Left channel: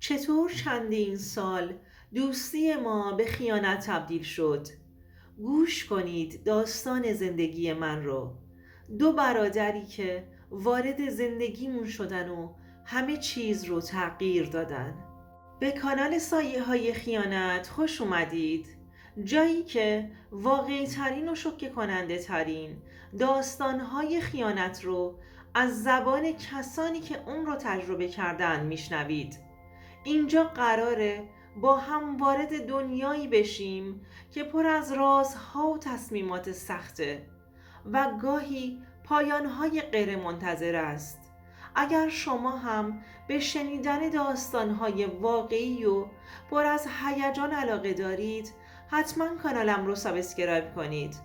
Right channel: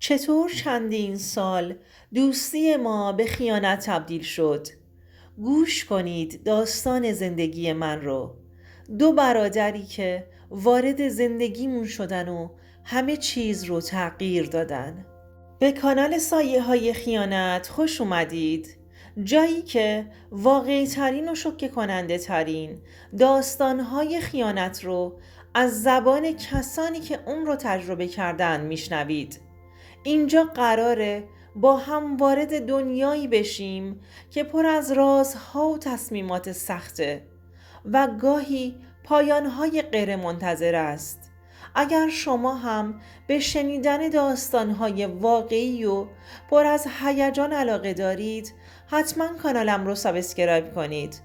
چطور چندین سال دوستی ما به خیانت تبدیل شد؟ گوش کنید داستان زندگی من رو. دو برادری که وارد زندگیمون شدن و همه چیز رو تغییر دادن. به کانال سایه های خیانت خوش اومدید. جایی که واقعی ترین و شوکه کننده ترین داستان های خیانت رو از زبان کسانی که اون رو تجربه کردن میشنوید. اینجا قراره با هم وارد دنیایی بشیم که پر از رازها و تصمیمات سخته و گاهی پایانهای غیر منتظر است. اگر شما هم به شنیدن داستانهای واقعی و پر از هیجان علاقه دارید، حتما کانالم رو سابسکرایب کنید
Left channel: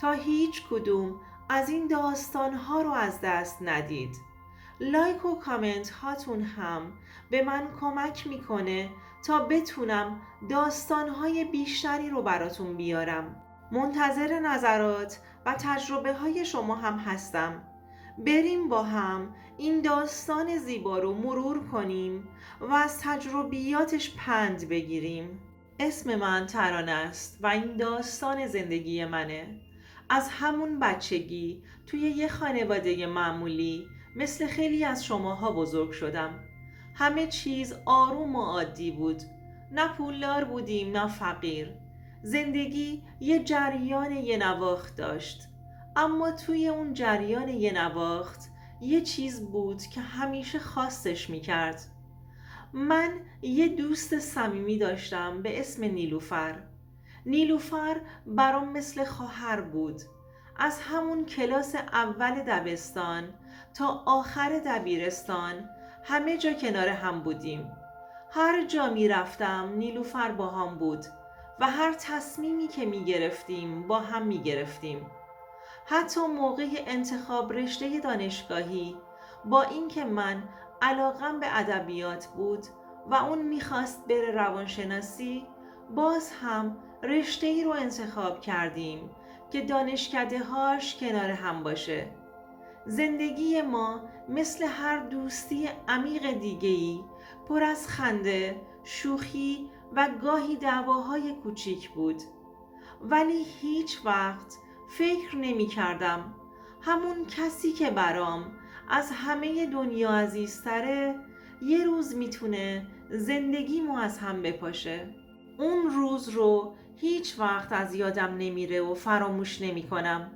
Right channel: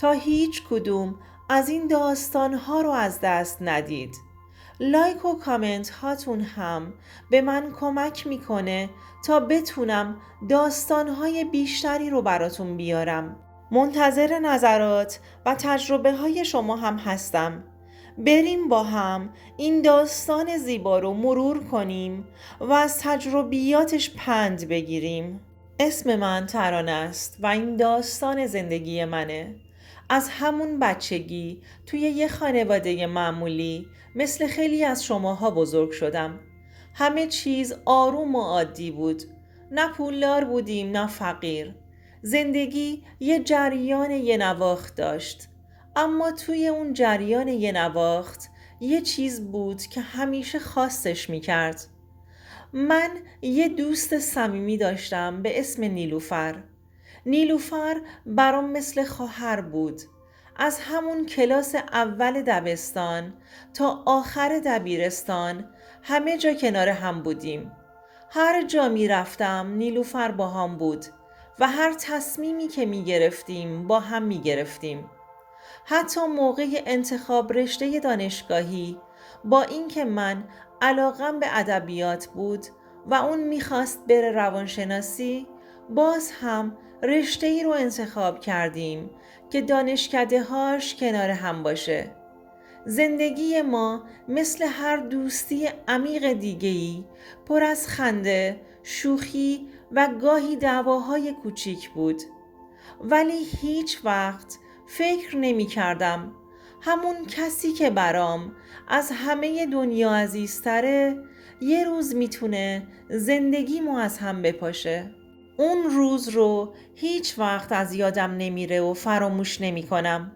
تا هیچ کدوم از این داستانها رو از دست ندید. لایک و کامنت هاتون هم به من کمک میکنه تا بتونم داستانهای بیشتری رو براتون بیارم. منتظر نظرات و تجربه های شما هم هستم. بریم با هم این داستان زیبا رو مرور کنیم و از تجربیاتش پند بگیریم. اسم من ترانه است و این داستان زندگی منه. از همون بچگی توی یه خانواده معمولی مثل خیلی از شماها بزرگ شدم. همه چیز آروم و عادی بود. نه پولدار بودیم نه فقیر. زندگی یه جریان یه نواخت داشت. اما توی اون جریان یه نواخت یه چیز بود که همیشه خاصش میکرد. من یه دوست صمیمی داشتم به اسم نیلوفر. نیلوفر برام مثل خواهر بود. از همون کلاس اول دبستان تا آخر دبیرستان همه جا کنار هم بودیم. هر جا می رفتم نیلوفر با هم بود و هر تصمیمی که می گرفتیم با هم می گرفتیم. حتی موقع انتخاب رشته دانشگاهی، با اینکه من علاقم به ادبیات بود و اون میخواست بره روانشناسی، باز هم رشته ای رو انتخاب کردیم که دانشکده هاش کنار هم باشه. زندگی ما مثل هر دوستی عمیق دیگه‌ای پر از خنده، شوخی و گاهی دعواهای کوچیک بود. ولی هیچ وقت فکر نمی کردم همون کسی که برام از همه دنیا عزیزتره یه روز میتونه زندگیمو از هم بپاشه. اون روز رو هیچ وقت از یادم نمیره و فراموش نمی کنم.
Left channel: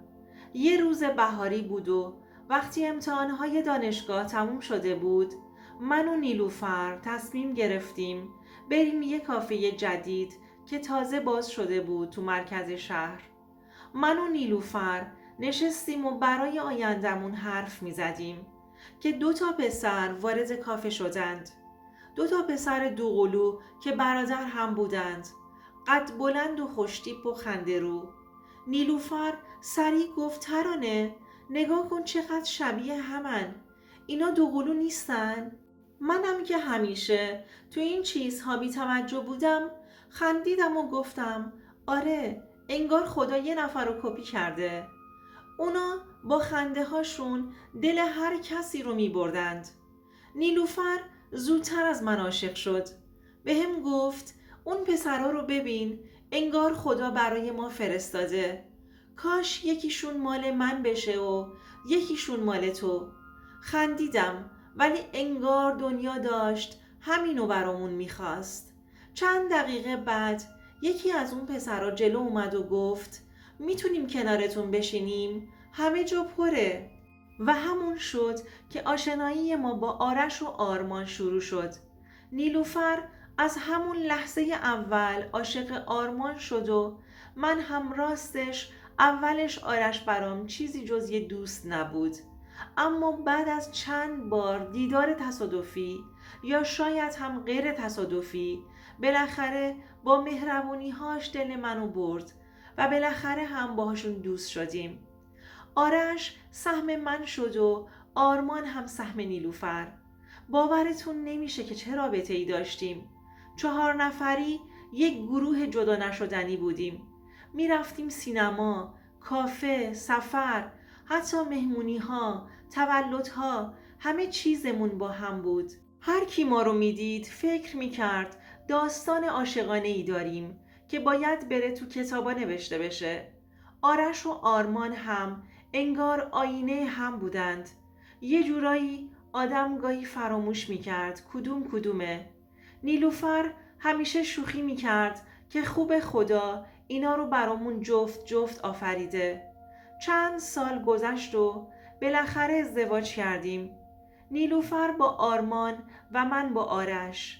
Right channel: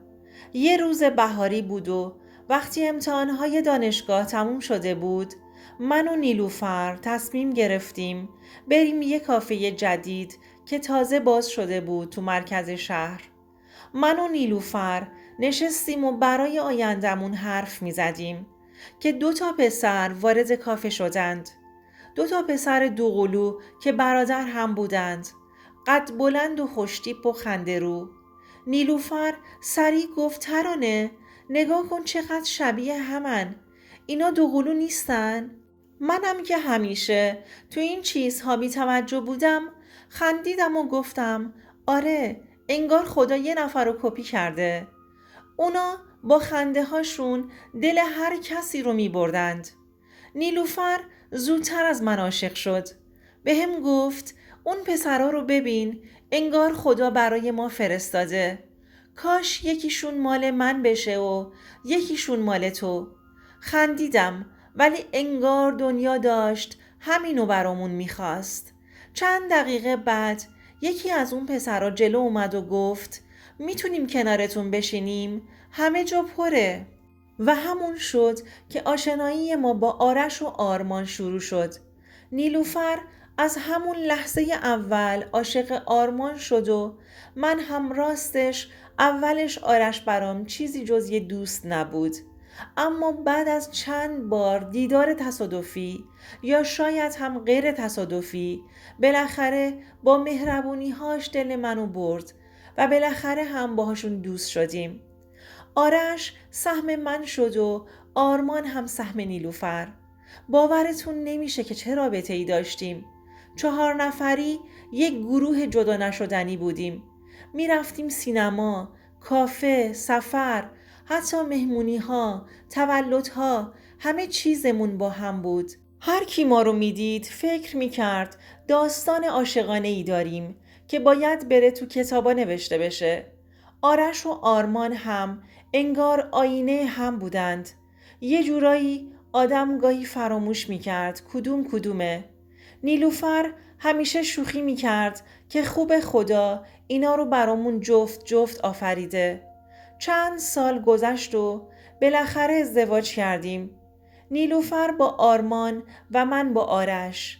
یه روز بهاری بود و وقتی امتحانهای دانشگاه تموم شده بود، من و نیلوفر تصمیم گرفتیم بریم یه کافه جدید که تازه باز شده بود تو مرکز شهر. من و نیلوفر نشستیم و برای آیندمون حرف می زدیم که 2 پسر وارد کافه شدند. 2 پسر دوقلو که برادر هم بودند. قد بلند و خوشتیپ و خنده‌رو. نیلوفر سریع گفت ترانه نگاه کن چقدر شبیه همن. اینا دوقلو نیستن؟ منم که همیشه تو این چیزها بی توجه بودم خندیدم و گفتم آره انگار خدا یه نفر رو کپی کرده. اونا با خنده هاشون دل هر کسی رو می بردند. نیلوفر زودتر از من عاشق شد. به هم گفت اون پسرا رو ببین انگار خدا برای ما فرستاده. کاش یکیشون مال من بشه و یکیشون مال تو. خندیدم ولی انگار دنیا داشت همینو برامون میخواست. چند دقیقه بعد یکی از اون پسرا جلو اومد و گفت میتونیم کنارتون بشینیم؟ همه جا پره. و همون شد که آشنایی ما با آرش و آرمان شروع شد. نیلوفر از همون لحظه اول عاشق آرمان شد و من هم راستش اولش آرش برام چیزی جز یه دوست نبود. اما بعد از چند بار دیدار تصادفی یا شاید هم غیر تصادفی بالاخره با مهربونی‌هاش دل منو برد و بالاخره هم باهاشون دوست شدیم. آرش سهم من شد و آرمان هم سهم نیلوفر. باورتون نمیشه که چه رابطه ای داشتیم. 4 نفری یک گروه جدا نشدنی بودیم. می رفتیم سینما، کافه، سفر، حتی مهمونی ها، تولدها، همه چیزمون با هم بود. هر کی ما رو میدید فکر میکرد داستان عاشقانه ای داریم که باید بره تو کتابا نوشته بشه. آرش و آرمان هم انگار آینه هم بودند. یه جورایی آدم گاهی فراموش میکرد کدوم کدومه. نیلوفر همیشه شوخی میکرد که خوب خدا اینا رو برامون جفت جفت آفریده. چند سال گذشت و بالاخره ازدواج کردیم. نیلوفر با آرمان و من با آرش.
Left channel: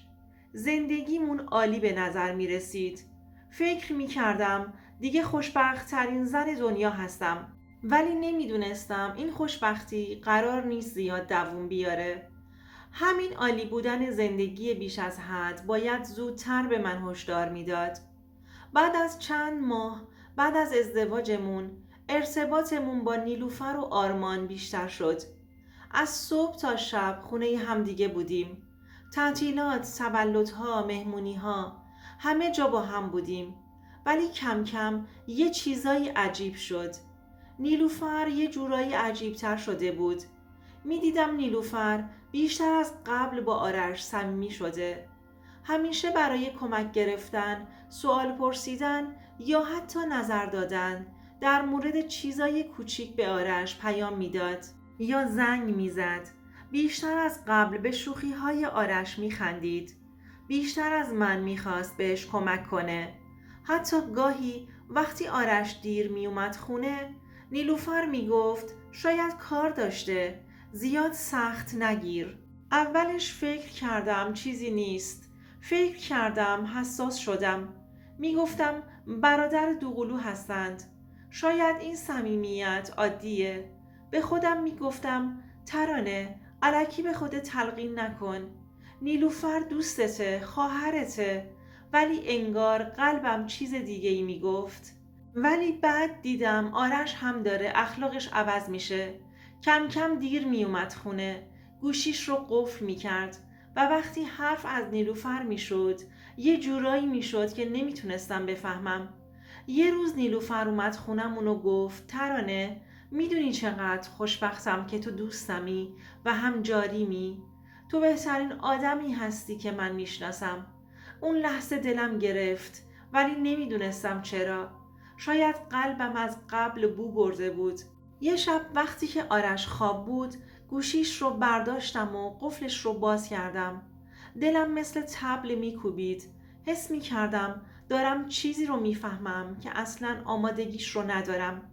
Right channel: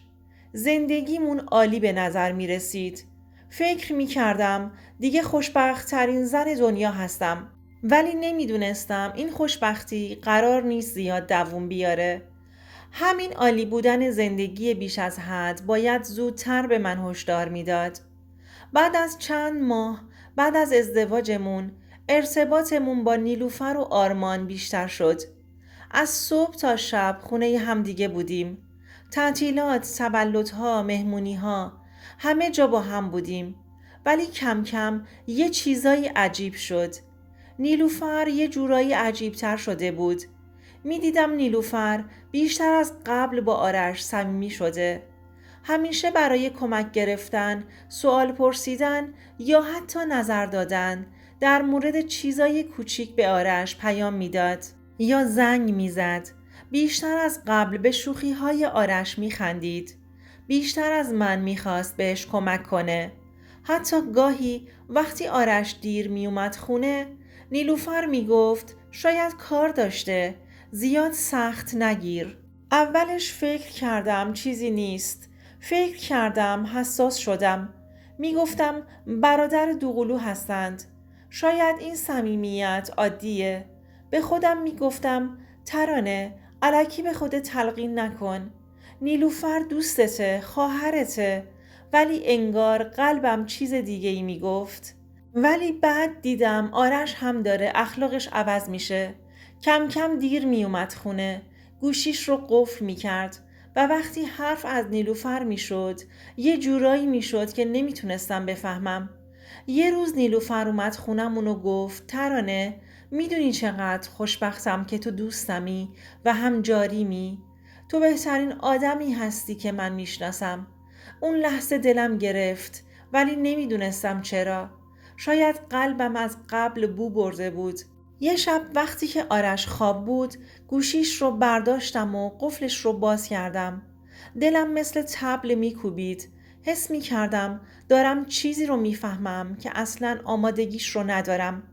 زندگیمون عالی به نظر می رسید. فکر می کردم دیگه خوشبخت ترین زن دنیا هستم. ولی نمیدونستم این خوشبختی قرار نیست زیاد دووم بیاره. همین عالی بودن زندگی بیش از حد باید زودتر به من هشدار میداد. بعد از چند ماه بعد از ازدواجمون ارتباطمون با نیلوفر و آرمان بیشتر شد. از صبح تا شب خونه همدیگه بودیم. تعطیلات، تولدها، مهمونیها، همه جا با هم بودیم. ولی کم کم یه چیزایی عجیب شد. نیلوفر یه جورایی عجیبتر شده بود. می دیدم نیلوفر بیشتر از قبل با آرش صمیمی شده. همیشه برای کمک گرفتن، سوال پرسیدن یا حتی نظر دادن در مورد چیزای کوچیک به آرش پیام میداد یا زنگ میزد. بیشتر از قبل به شوخی‌های آرش میخندید. بیشتر از من میخواست بهش کمک کنه. حتی گاهی وقتی آرش دیر میومد خونه، نیلوفر میگفت شاید کار داشته، زیاد سخت نگیر. اولش فکر کردم چیزی نیست. فکر کردم حساس شدم. میگفتم برادر دوقلو هستند. شاید این صمیمیت عادیه. به خودم میگفتم ترانه الکی به خودت تلقین نکن. نیلوفر دوستته، خواهرته. ولی انگار قلبم چیز دیگه ای میگفت. ولی بعد دیدم آرش هم داره اخلاقش عوض میشه. کم کم دیر میومد خونه. گوشیش رو قفل میکرد و وقتی حرف از نیلوفر میشد یه جورایی میشد که نمیتونستم بفهمم. یه روز نیلوفر اومد خونمون و گفت ترانه میدونی چقدر خوشبختم که تو دوستمی و هم جاریمی. تو بهترین آدمی هستی که من میشناسم. اون لحظه دلم گرفت ولی نمیدونستم چرا. شاید قلبم از قبل بو برده بود. یه شب وقتی که آرش خواب بود گوشیش رو برداشتم و قفلش رو باز کردم. دلم مثل طبل میکوبید. حس میکردم دارم چیزی رو میفهمم که اصلاً آمادگیش رو ندارم.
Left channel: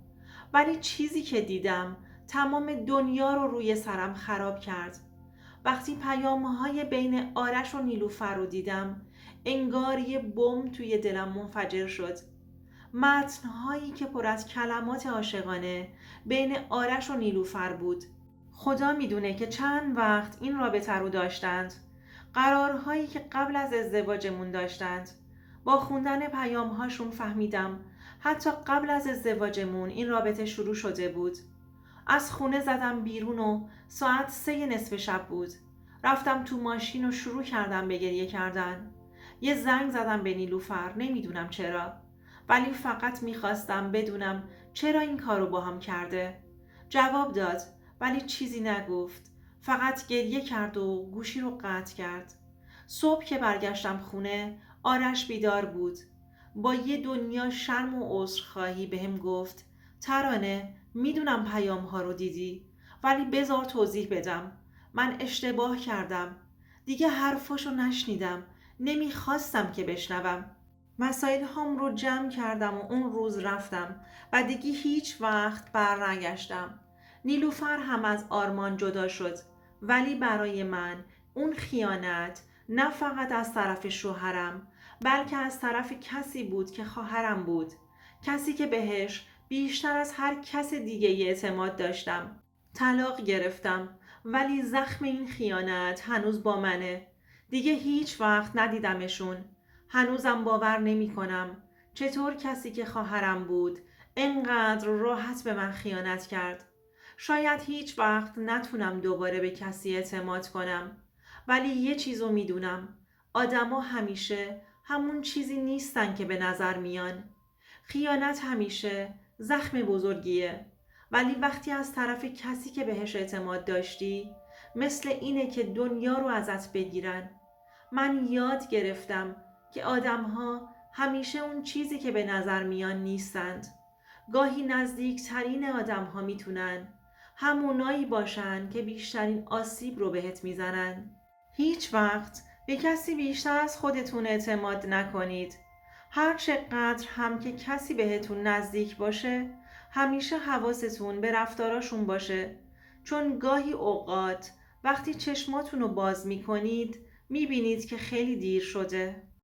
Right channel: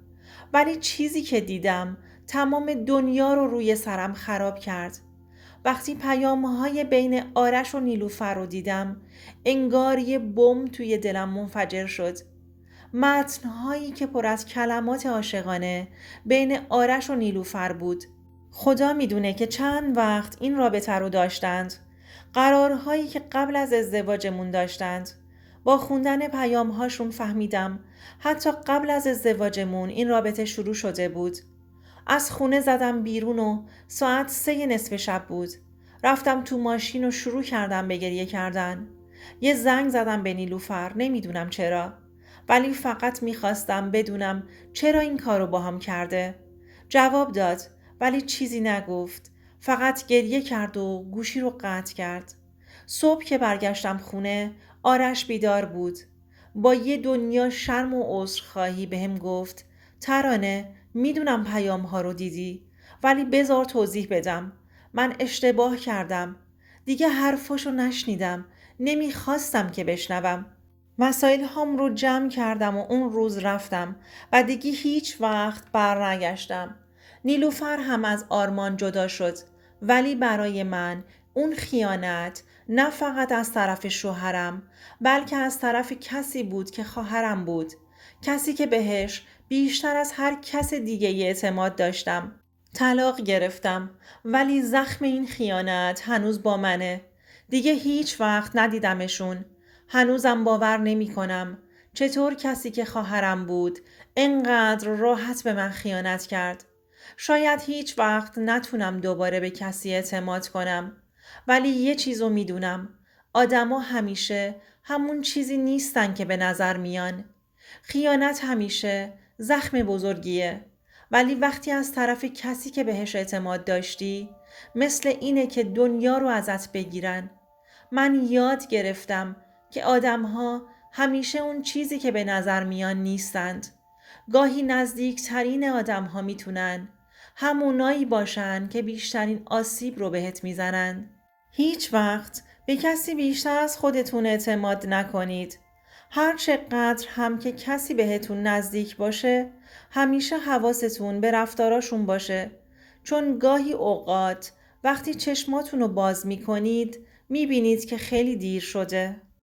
ولی چیزی که دیدم تمام دنیا رو روی سرم خراب کرد. وقتی پیام‌های بین آرش و نیلوفر رو دیدم انگار یه بمب توی دلم منفجر شد. متن‌هایی که پر از کلمات عاشقانه بین آرش و نیلوفر بود. خدا میدونه که چند وقت این رابطه رو داشتند. قرارهایی که قبل از ازدواجمون داشتند. با خوندن پیام‌هاشون فهمیدم حتی قبل از ازدواجمون این رابطه شروع شده بود. از خونه زدم بیرون و ساعت 3 نصف شب بود. رفتم تو ماشین و شروع کردم به گریه کردن. یه زنگ زدم به نیلوفر، نمیدونم چرا. ولی فقط میخواستم بدونم چرا این کارو با هم کرده. جواب داد ولی چیزی نگفت. فقط گریه کرد و گوشی رو قطع کرد. صبح که برگشتم خونه آرش بیدار بود. با یه دنیا شرم و عذرخواهی بهم گفت ترانه میدونم پیام ها رو دیدی ولی بذار توضیح بدم. من اشتباه کردم. دیگه حرفاشو نشنیدم. نمیخواستم که بشنوم. وسایل هام رو جمع کردم و اون روز رفتم و دیگه هیچ وقت بر نگشتم. نیلوفر هم از آرمان جدا شد ولی برای من اون خیانت نه فقط از طرف شوهرم بلکه از طرف کسی بود که خواهرم بود. کسی که بهش بیشتر از هر کس دیگه اعتماد داشتم. طلاق گرفتم ولی زخم این خیانت هنوز با منه. دیگه هیچ وقت ندیدمشون. هنوزم باور نمی کنم چطور کسی که خواهرم بود انقدر راحت به من خیانت کرد. شاید هیچ وقت نتونم دوباره به کسی اعتماد کنم ولی یه چیزو میدونم. آدما همیشه همون چیزی نیستن که به نظر میان. خیانت همیشه زخم بزرگیه ولی وقتی از طرف کسی که بهش اعتماد داشتی مثل اینه که دنیا رو ازت بگیرن. من یاد گرفتم که آدم‌ها همیشه اون چیزی که به نظر میان نیستند. گاهی نزدیکترین آدم‌ها میتونن همونایی باشن که بیشترین آسیب رو بهت میزنن. هیچ وقت به کسی بیشتر از خودتون اعتماد نکنید. هر چقدر هم که کسی بهتون نزدیک باشه، همیشه حواستون به رفتاراشون باشه. چون گاهی اوقات وقتی چشماتون رو باز میکنید، میبینید که خیلی دیر شده.